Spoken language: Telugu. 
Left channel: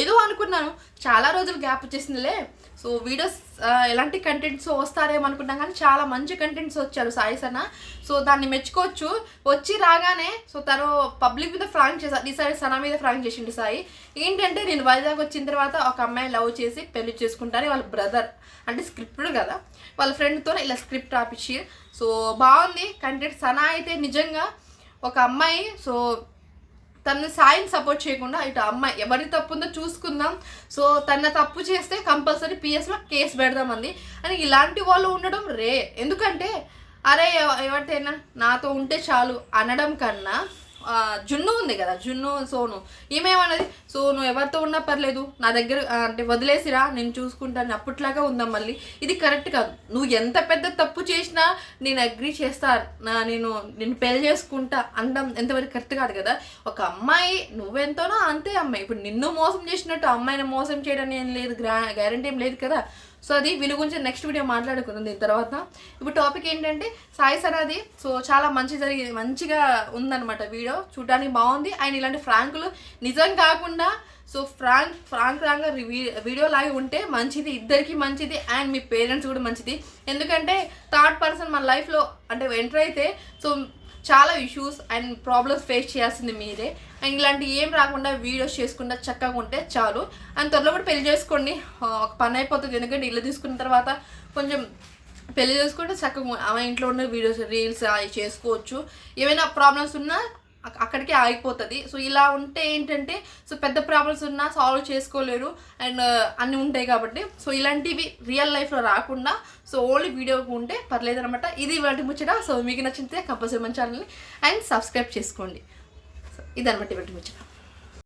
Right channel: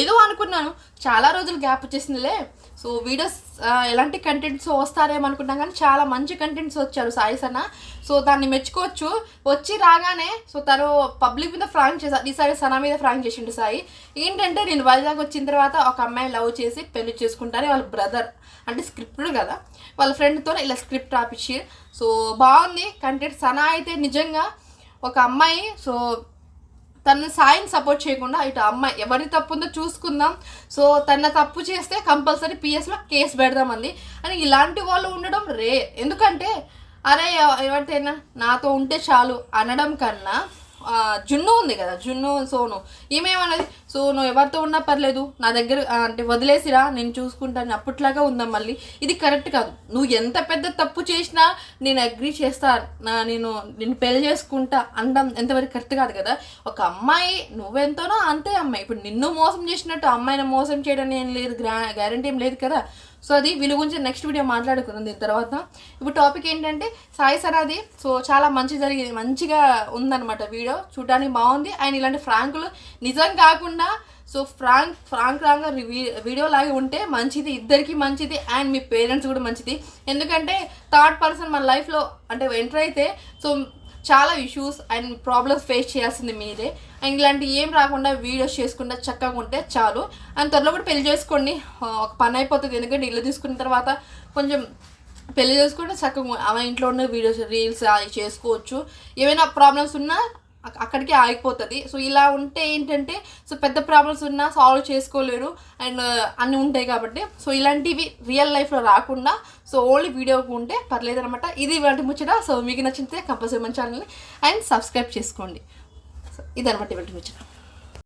ఏదో అనుకున్నాను. చాలా రోజులు గ్యాప్ వచ్చేసిందిలే. సో వీడియోస్ ఎలాంటి కంటెంట్స్ వస్తారేమో అనుకున్నాం కానీ చాలా మంచి కంటెంట్స్ వచ్చారు సాయి సన్న సో దాన్ని మెచ్చుకోవచ్చు. వచ్చి రాగానే సో తను పబ్లిక్ మీద ఫ్రాంక్ చేశారు ఈసారి సనా మీద ఫ్రాంక్ చేసిండు సాయి. ఏంటంటే నేను వైజాగ్ వచ్చిన తర్వాత ఒక అమ్మాయి లవ్ చేసి పెళ్ళి చేసుకుంటాను వాళ్ళ బ్రదర్ అంటే స్క్రిప్ట్ కదా. వాళ్ళ ఫ్రెండ్తో ఇలా స్క్రిప్ట్ రాపిచ్చి. సో బాగుంది. కంటెంట్ సనా అయితే నిజంగా ఒక అమ్మాయి సో తన సాయం సపోర్ట్ చేయకుండా ఇటు అమ్మాయి ఎవరి తప్పు ఉందో చూసుకుందాం. సో తన తప్పు చేస్తే కంపల్సరీ పిఎస్లో కేసు పెడదామంది. అని ఇలాంటి వాళ్ళు ఉండడం రే. ఎందుకంటే అరే ఎవరితో ఎవరితేనా నాతో ఉంటే చాలు అనడం కన్నా జున్ను ఉంది కదా జున్ను సోను. ఈమెమన్నది సోను ఎవరితో ఉన్నా పర్లేదు. నా దగ్గర అంటే వదిలేసిరా నేను చూసుకుంటాను అప్పట్లాగా ఉందా మళ్ళీ. ఇది కరెక్ట్ కాదు. నువ్వు ఎంత పెద్ద తప్పు చేసినా నేను అగ్రి చేస్తా నా నేను నేను పెళ్ళి చేసుకుంటా అనడం ఎంతవరకు కరెక్ట్ కాదు కదా. ఒక అమ్మాయి నువ్వెంతోనో అంతే అమ్మాయి. ఇప్పుడు నిన్ను మోసం చేసినట్టు అమ్మాయిని మోసం చేయడం ఏం లేదు గ్రా గ్యారంటీ ఏం లేదు కదా. సో అది వీళ్ళ గురించి నెక్స్ట్ వీడియో మాట్లాడుకుందాం దీని తర్వాత. ఇప్పుడు టాపిక్ ఏంటంటే సాయి సరాది సో చాలా మంచి జరిగింది మంచిగా ఉందన్నమాట వీడియో చూడడానికి బాగుంది. ఆయన ఇలాంటి ఫ్రాంకులు నిజం కాకుండా so prank prank wrong video లాగా ఉంటే మంచిది. ఇద్దరికి మంచిది. అండ్ మీ పేరెంట్స్ కూడా మంచిది. ఎందుకంటే థర్డ్ పర్సన్ మన లైఫ్లో అంటే ఎంటర్ అయితే సో చాలా ఇష్యూస్ అండ్ ప్రాబ్లమ్స్ ఫేస్ చేయాల్సింది మీరే. అండ్ ఇలాంటి ఏం రాకుండా వీడియోస్ చేసుకుంటే చక్కగా ఉంటే చాలు. అండ్ త్వరలో కూడా పెళ్ళి చేసుకోండి. ఒక పని అయిపోతుంది. ఎందుకంటే ఇల్లు తీసుకున్న తర్వాత కొంచెం పెళ్ళి చేసుకుంటే చక్కగా ఆమె ఇంట్లో ఉన్న వీడియోస్ రీల్స్ అవి చేసుకోవచ్చు. ఏమైనా ప్రాబ్లమ్స్ ఉన్నా అక్కడికే ఆగిపోతుంది. సో ఇలా ఉంటే ఏంటంటే సో పెద్ద ప్రాబ్లమ్స్ ఉన్నా సాల్వ్ చేసుకోలేరు అండ్ uh, అన్నీ ఉంటాయి కాబట్టి. సో ఇలాంటివి రియల్ లైఫ్లో రాకుండా సో ఓన్లీ వీడియోకి ఉంటే పర్లేదు అనమాట ఇది ఇవాటి ముచ్చట. సో మీకు నచ్చితే కంపల్సరీ మన ఛానల్ని అండ్ సబ్స్క్రైబ్ చేసుకోండి. సో ఇదనమాట ఇవాటి ముచ్చట.